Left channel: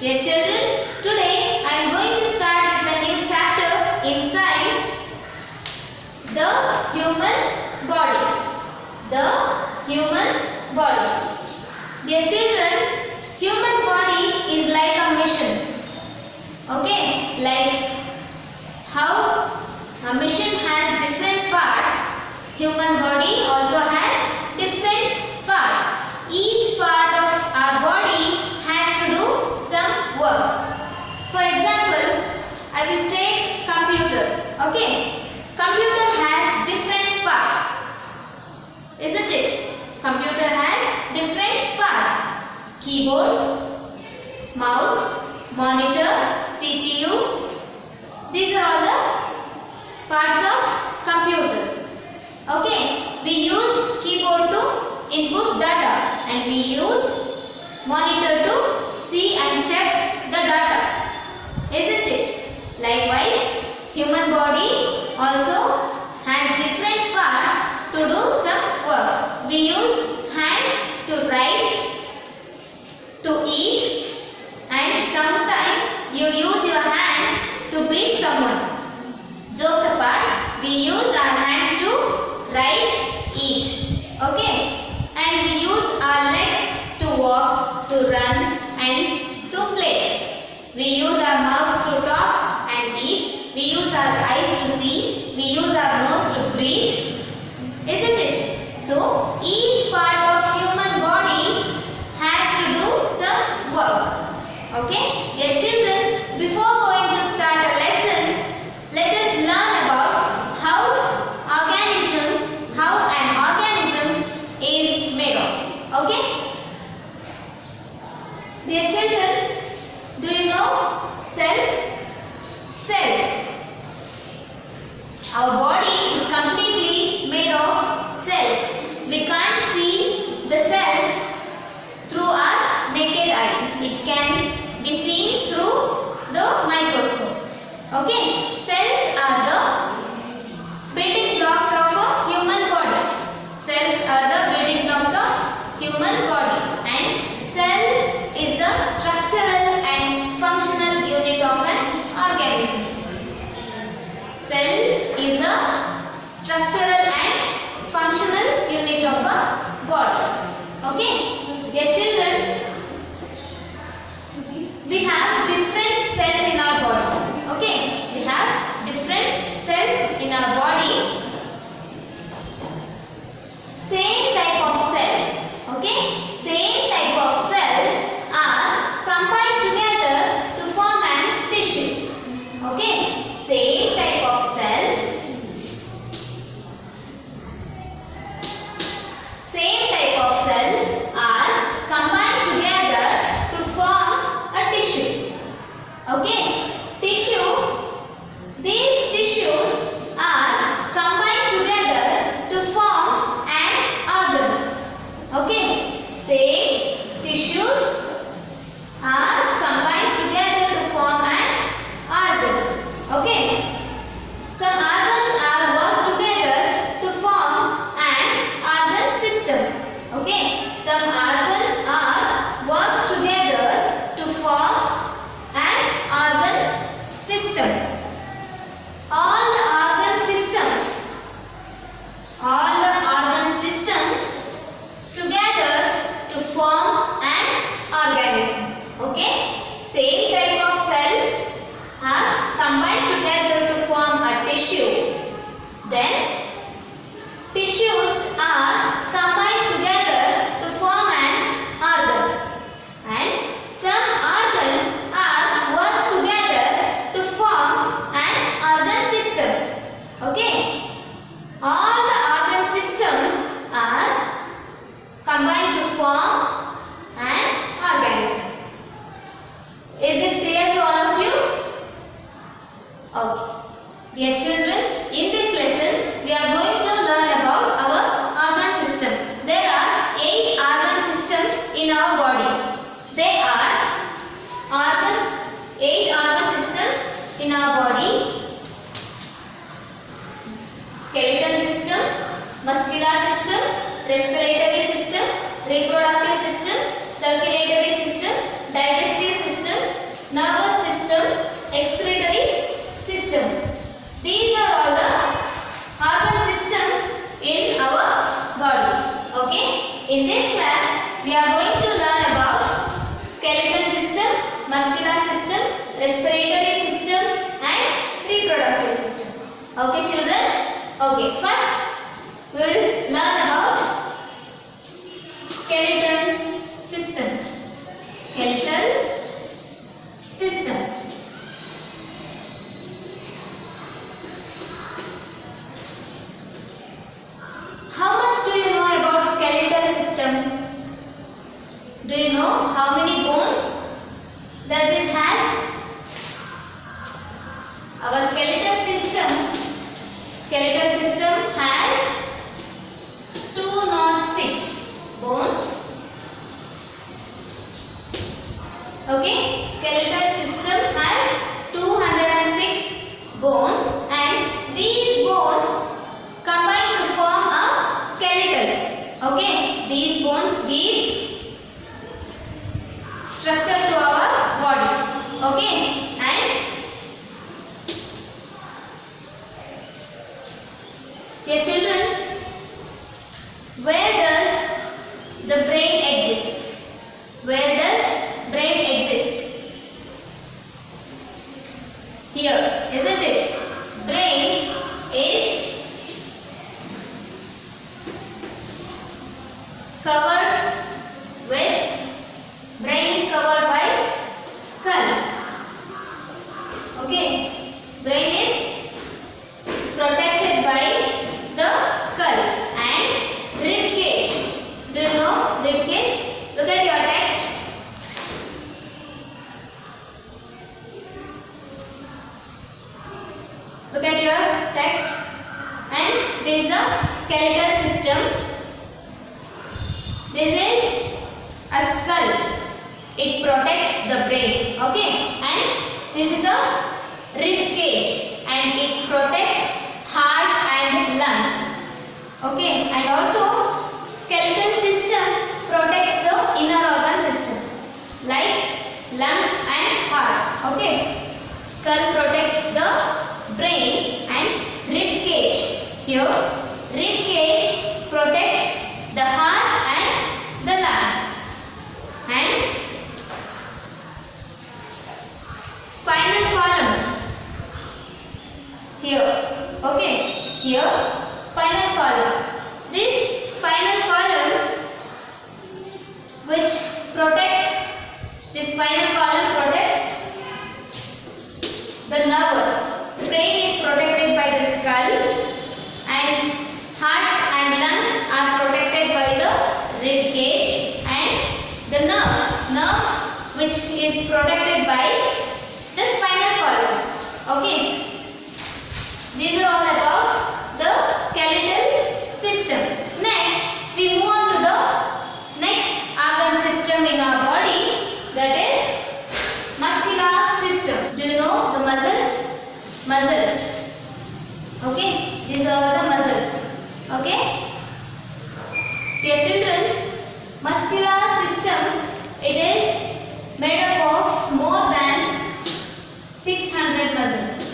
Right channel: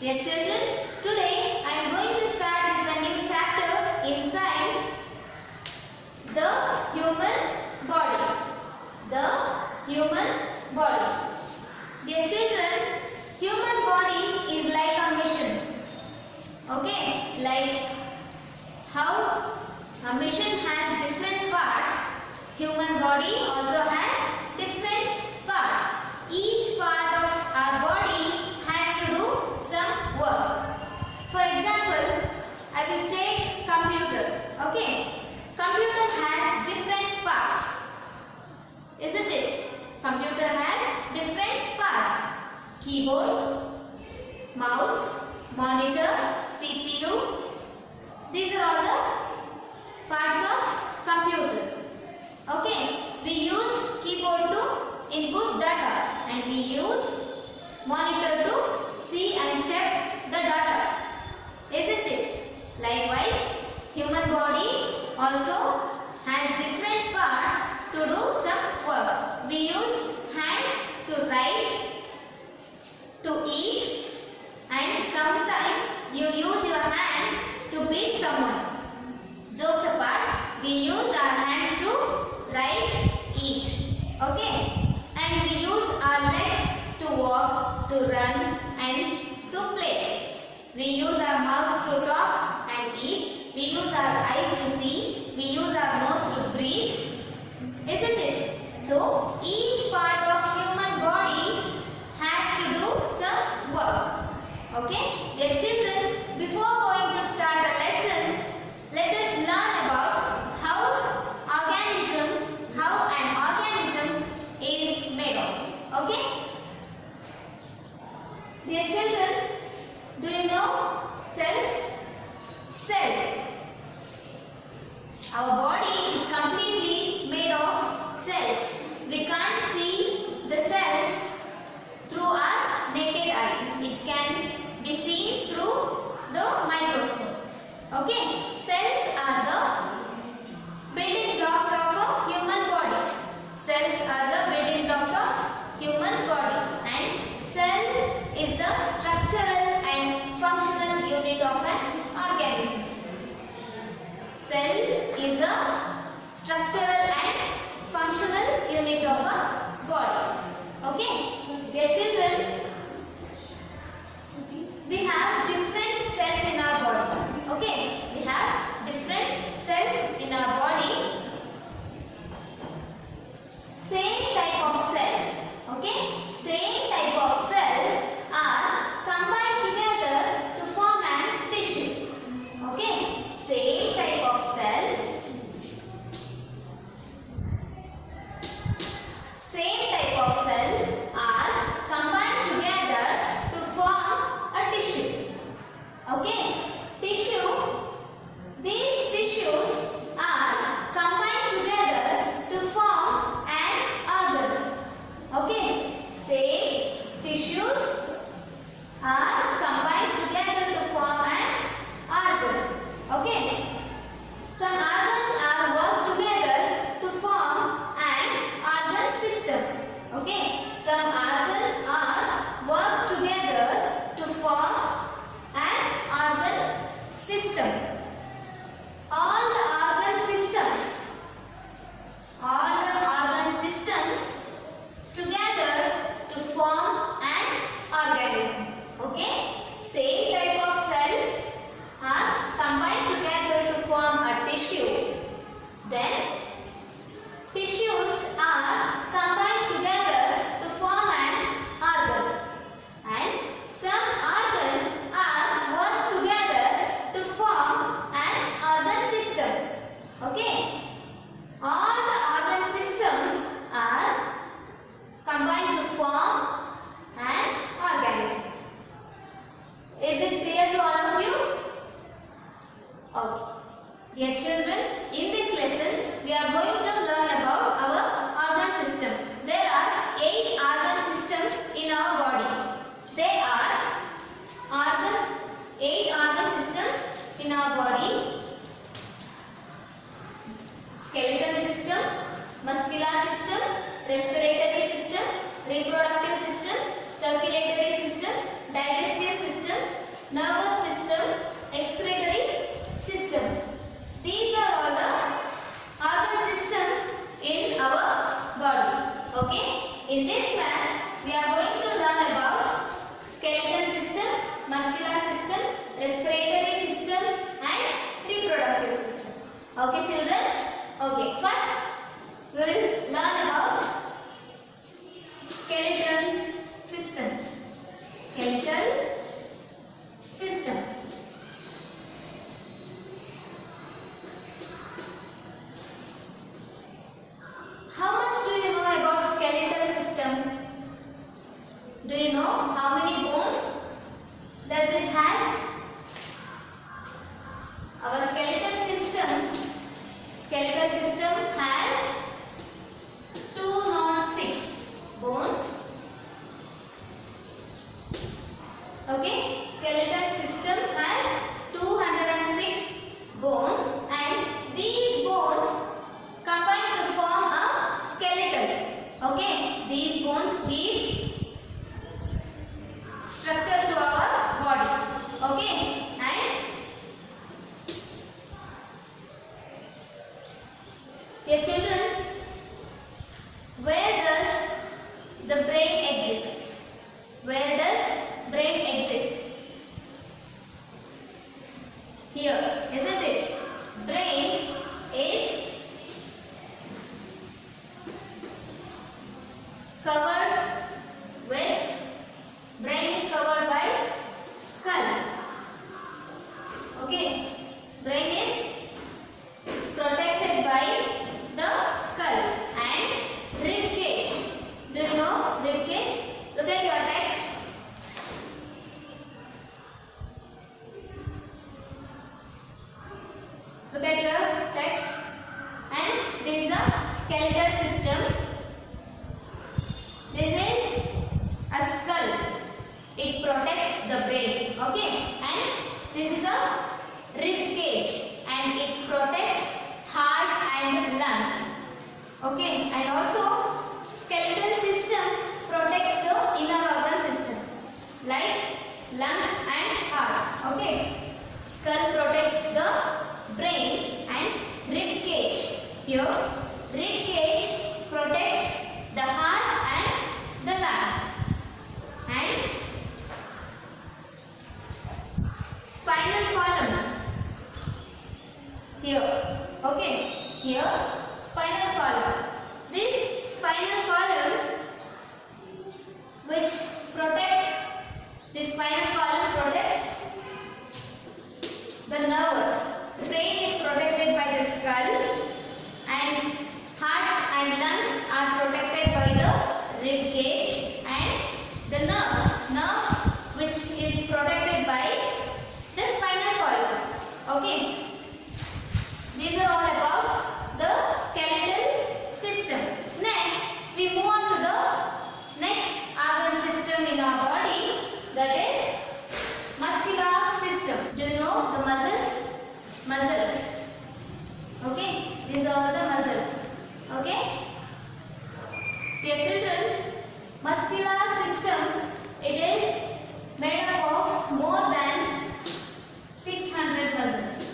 Dear children, today I am going to start with a new chapter in science, the human body. The human body. Dear children, human body is like a machine. Okay, like how a machine has different parts, human body also has different parts. Each part of our body has to do some work. For example, I will take computer. Okay, computer has different parts, isn't it? Computer has different parts: keyboard, mouse, monitor, CPU. These are all the parts of computer. Okay, we use keyboard to input data and we use monitor to see and check the data, isn't it? Likewise, human body also has different parts to do some work. We use hands to write, to eat, and sometimes you use your hands to beat someone. Jokes apart, we use our hands to write, eat. Okay? And we use our legs to walk, to run and to play. We use our mouth to talk and eat. We use our eyes to see. We use our nose to breathe. Isn't it? So, each part of human body has to do some work. Okay? Dear children, before going to start a lesson, let us learn about how an organism is made of. Okay? Dear children, do you know cells? Cell. Our body is completely made of cells. We can't see the cells through our naked eye. It can be seen through the microscope. Okay? Cells are the building blocks of a human body. Cells are the building blocks of human body, and cell is the structural and functional unit of an organism. Cell is a structural and functional unit of a body. Okay? Dear children, we have different cells in our body. Okay? We have different cells in our body. Same type of cells. Okay? Same type of cells are combined together to form an tissue. Okay? Same type of cells. Same type of cells are combined together to form a tissue. Okay? Tissue. These tissues are combined together to form an organ. Okay? Same tissues are combined together to form an organ. Okay? Some organs are worked together to form an organ system. Okay? Some organs are worked together to form an organ system. All the organ systems together to form an organism. Okay? Same type of cells are combined together to form a tissue. Then tissues are combined together to form an organ. And some organs are worked together to form an organ system. Okay? All the organ systems are combined to form an organism. Is it clear to all of you? Okay. Dear children, in this lesson, we are going to learn about our organ system. There are 8 organ systems in our body. They are 8 organ systems in our body: skeletal system, muscular system, respiratory system, reproductive system, circulatory system, digestive system, In this class, we are going to learn about skeletal system, muscular system, respiratory system and reproductive system. Okay children? Okay, first we will learn about skeletal system. Skeletal system. How much do you know about skeletal system? Do you know how many bones does it has? Our skeletal system has 206 bones. Okay, skeletal system has 206 bones and these bones combine to form a skeleton. Okay, these bones give structure to our body. Okay, and dear children, where does the brain exist? Where does brain exist? Here, isn't it? Brain is covered by skull. Okay, brain is protected by the skull and rib cage. Do you know rib cage? Look at your text. Look at your text, and this is a skeletal system. This is a skull. It protects the brain. Okay, and this is a rib cage, and it protects heart and lungs. Okay, and also skeletal system protects the inner organ system like lungs and heart. Okay, skull protects the brain and rib cage. Here, rib cage protects the heart and the lungs. And spinal column. Here, okay, here spinal column. This spinal column which protects, the spinal column protects the nerves. The brain is protected by the skull and heart and lungs are protected by the rib cage and the nerves which is protected by the spinal column. Okay, these are all about the skeletal system. Next, we move on to the next organ system in our body, that is muscular system. Do you know the muscles? Muscles. Okay, these are all the muscles. Okay, dear children, muscular system, it is made up of more than 600 muscles.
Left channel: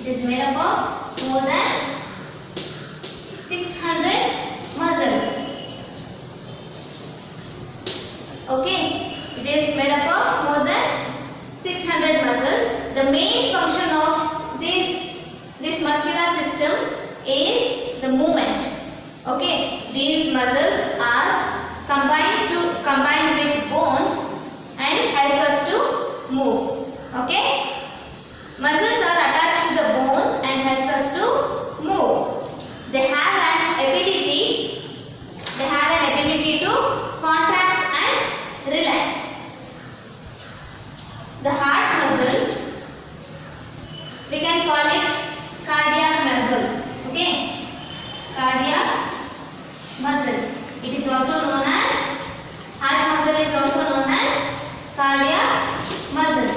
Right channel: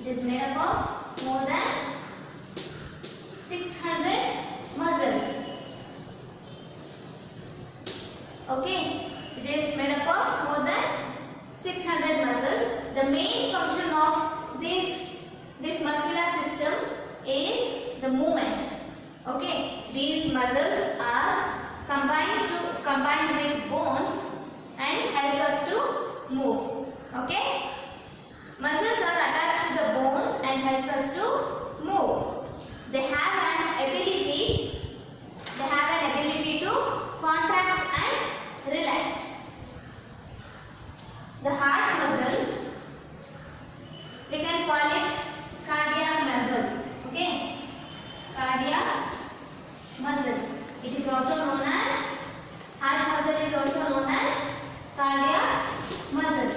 It is made up of more than 600 muscles. Okay, it is made up of more than 600 muscles. The main function of this muscular system is the movement. Okay, these muscles are combined with bones and help us to move. Okay, muscles are attached to the bones and helps us to move. They have an ability to contract and relax. The heart muscle, we can call it cardiac muscle. Okay, cardiac muscle. It is also known as heart muscle, is also known as cardiac muscle.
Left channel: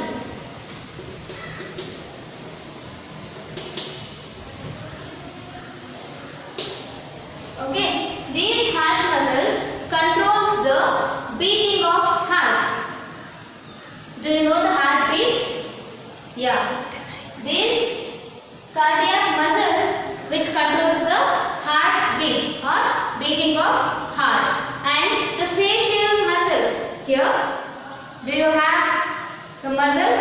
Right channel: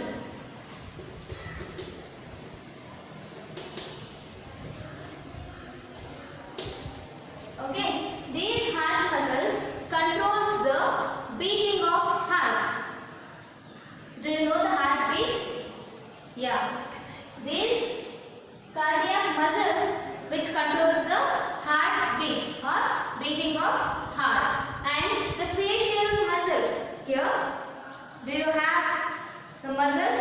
Okay, these heart muscles controls the beating of heart. Do you know the heartbeat? Yeah. This cardiac muscle which controls the heartbeat or beating of heart. Do you have the muscles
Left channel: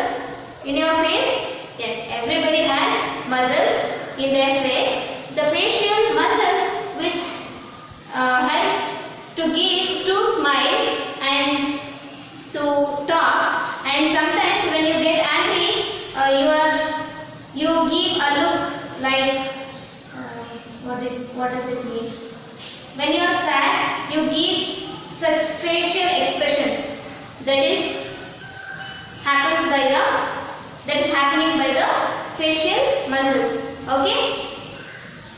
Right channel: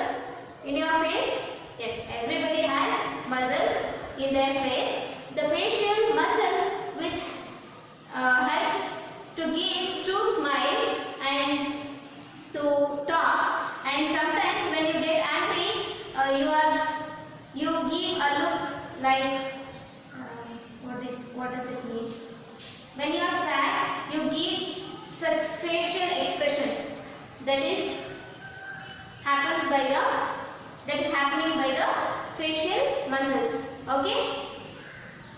in your face? Yes, everybody has muscles in their face. The facial muscles which helps to smile and to talk, and sometimes when you get angry you give a look like what does it mean? When you are sad, you give such facial expressions. That is happening by the facial muscles. Okay,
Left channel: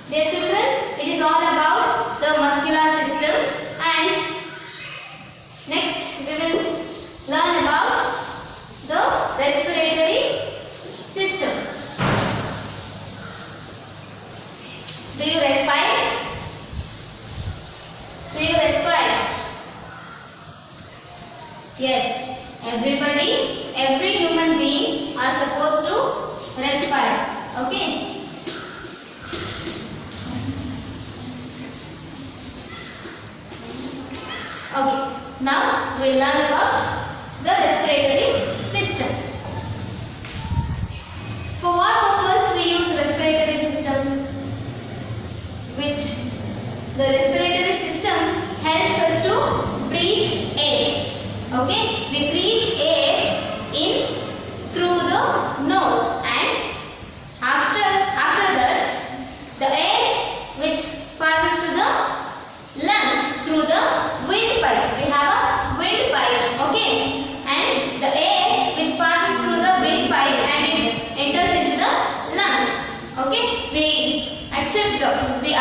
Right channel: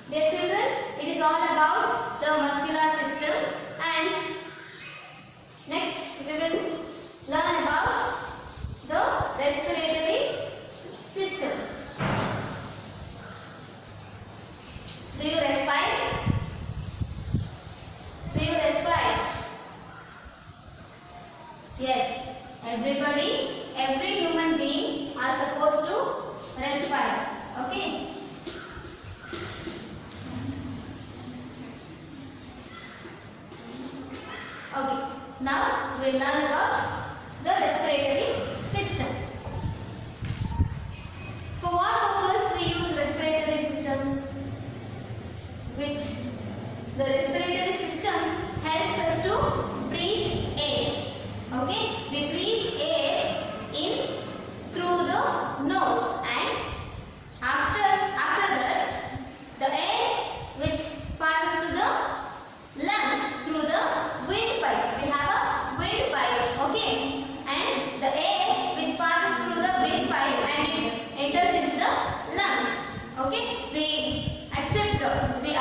dear children, it is all about the muscular system, and next we will learn about the respiratory system. Do you respire? Do you respire? Yes, every human being are supposed to respire. Okay. Okay, now we will learn about the respiratory system. For what purpose we use respiratory system? The respiratory system helps us to breathe air. Okay, we breathe air in through the nose, and after that the air which passes to the lungs through the windpipe. We have a windpipe. Okay, and the air which passes through the windpipe and it enters into the lungs. Okay, we absorb the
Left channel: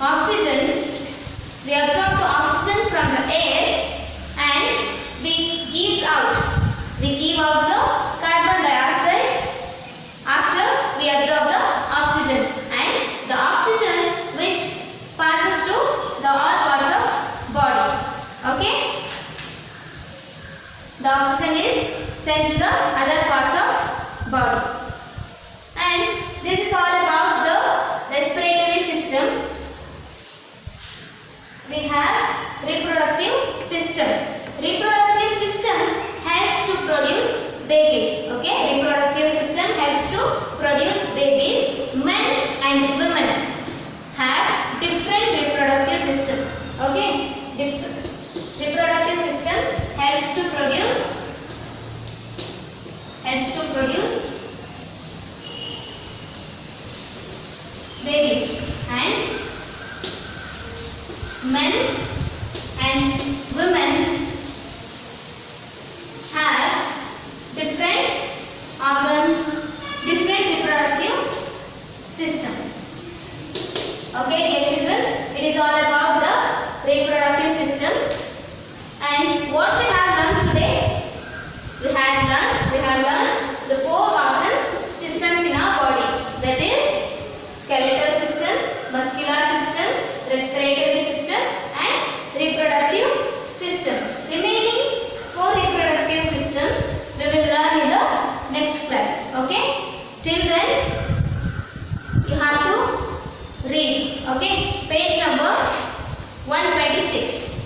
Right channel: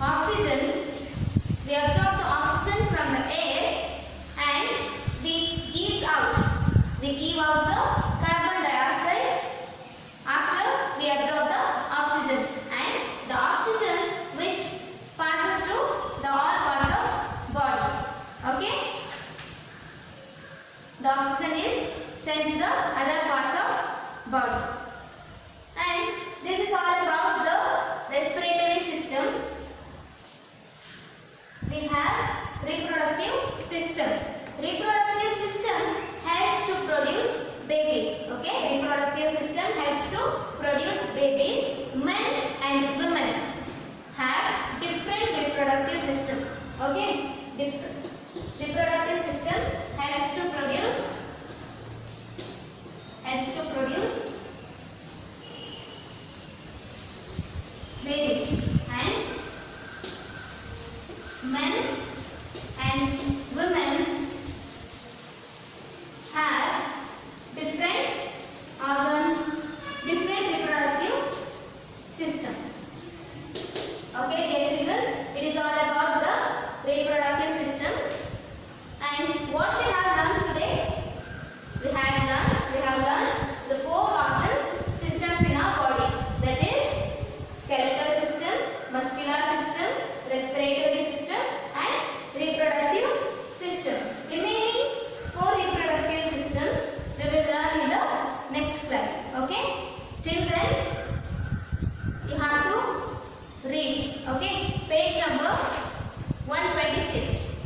oxygen. We absorb the oxygen from the air and we give out the carbon dioxide after we absorb the oxygen, and the oxygen which passes to the all parts of body. Okay, the oxygen is sent to the other parts of body, and this is all about the respiratory system. We have reproductive system. Reproductive system helps to produce babies. Okay, reproductive system helps to produce babies. Men and women have different reproductive system. Okay, different reproductive system helps to produce babies, and men and women have different reproductive system. Okay, dear children, it is all about the reproductive system. And what we have learned today? We have learned the 4 organ systems in our body. That is skeletal system, muscular system, respiratory system and reproductive system. Remaining 4 reproductive systems we will learn in the next class. Okay? Till then you have to read. Okay? Page number 126.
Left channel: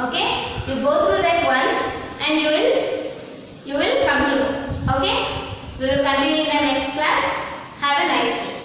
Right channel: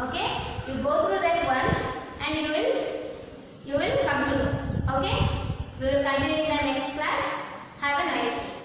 Okay? You go through that once and you will come through. Okay? We will continue in the next class. Have a nice day.